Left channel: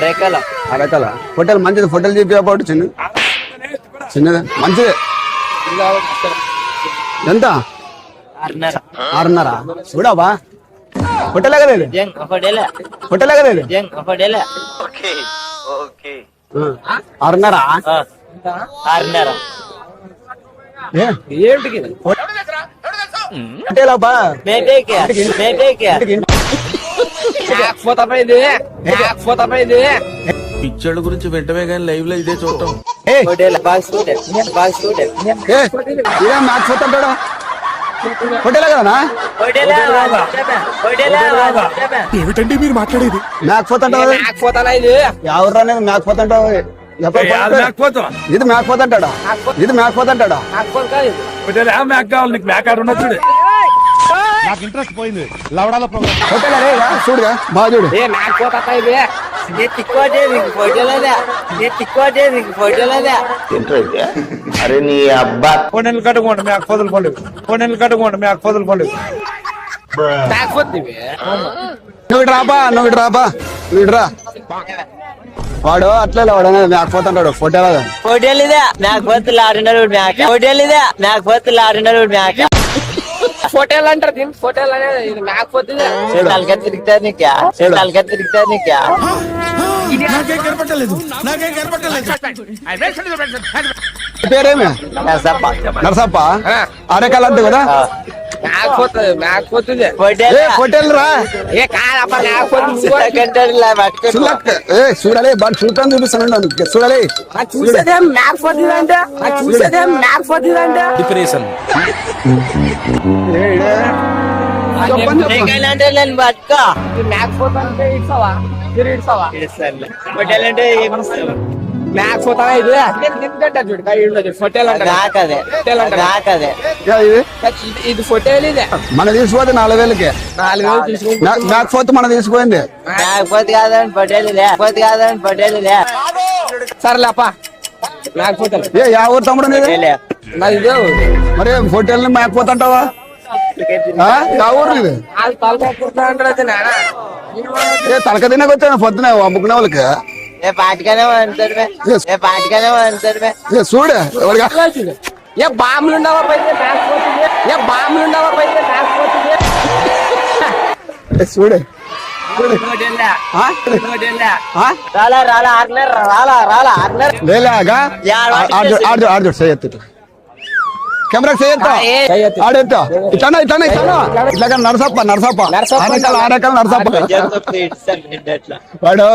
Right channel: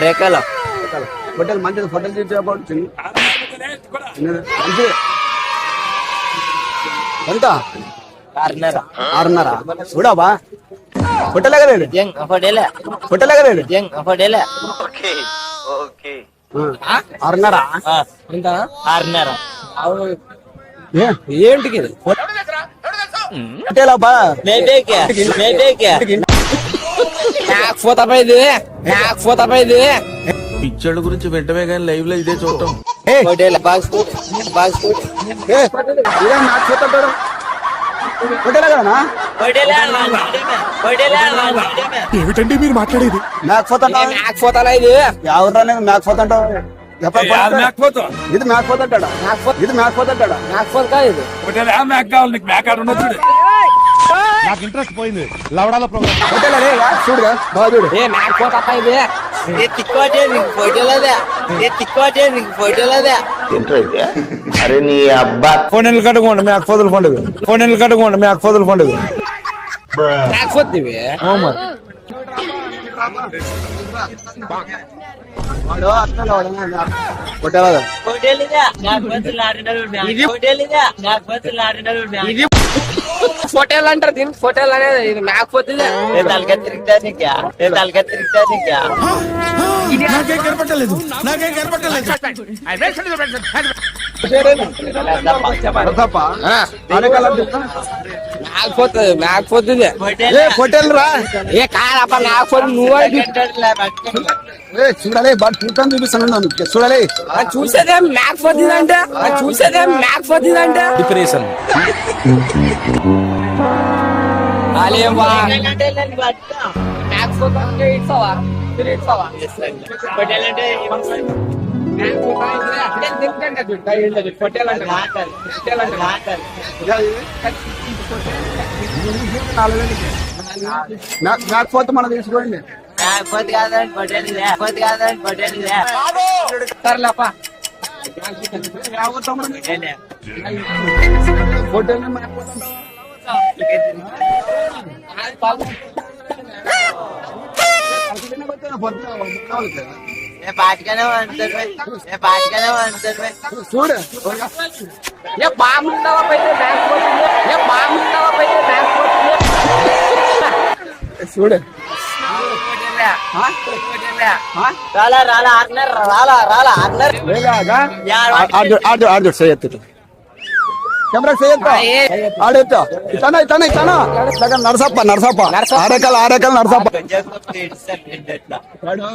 అరేకల ఫోటోలు మంచిది, ఫోటోలు చూపించబోటు చిన్నది మంచిది. ఎంత? 6:30. చూడవా ఫోటోలే కలేదు, ఫోటోలే కలేదు. 6:30 ఏంటికి పిచ్చోళ్ళ గురించి వెంటనే కానీ లైవ్ లో ఇదే చూడటం. ఏమిటండి మీరు మాట్లాడేది? మేకపోతుంటావు ఎవరు అనేది మేకపోతుంటావు? ఇది మేకపోతుంటాడా? ఇది మేకపోతుంటాడా? నాకు ఇంట్రెస్ట్ పోయింది లవడాల ప్రోగ్రామ్. హోటల్ అరే చూడు బాగా చూడు. అరే నీ అబ్బా ఫోన్లు కట్టుకోండి మీ అక్కోదులు పండుగ, ఫోన్లు కట్టుకోండి మీ అక్కోదులు పండుగ. నువ్వు రాబా వాడు అట్లా వాడు మేకపోతుంటాడు ఫోటోలు. ఫోటోలు అంటారు దీన్ని, ఫోటోలు అనేది మేకపోతే పేరేమి నరసప్ప ఆడకాల అంటే కదా మేకపోతుంది. హోటల్ రా చూడాలి బాగా చూడటాన్ని చూపిస్తాను చూడాలి. చూసేదేం మేకపోతుంది అంటే డిప్రెషన్ ఇది ఫోటోలు ఇదే మన తీసుకోవద్దు 4,000కి. మేకపోతే మన తీసుకోండి. సర్లేపా మేకపోతాను. ఏ ఊరు తమ్ముడు మరి హోటల్ మేకపోతుంటావా? ఊరు ఇది తలక తినకొచ్చాను పొద్దున అమ్ముకునే వాళ్ళకి. చూడు బాంబులు చూడు ఆడు చేయొద్దు కెమెరా చేయొద్దా ఆడెత్తా ఇట్లానా ఇట్లాగా నరసప్ప ఆరేకల్ నరసప్ప వాడు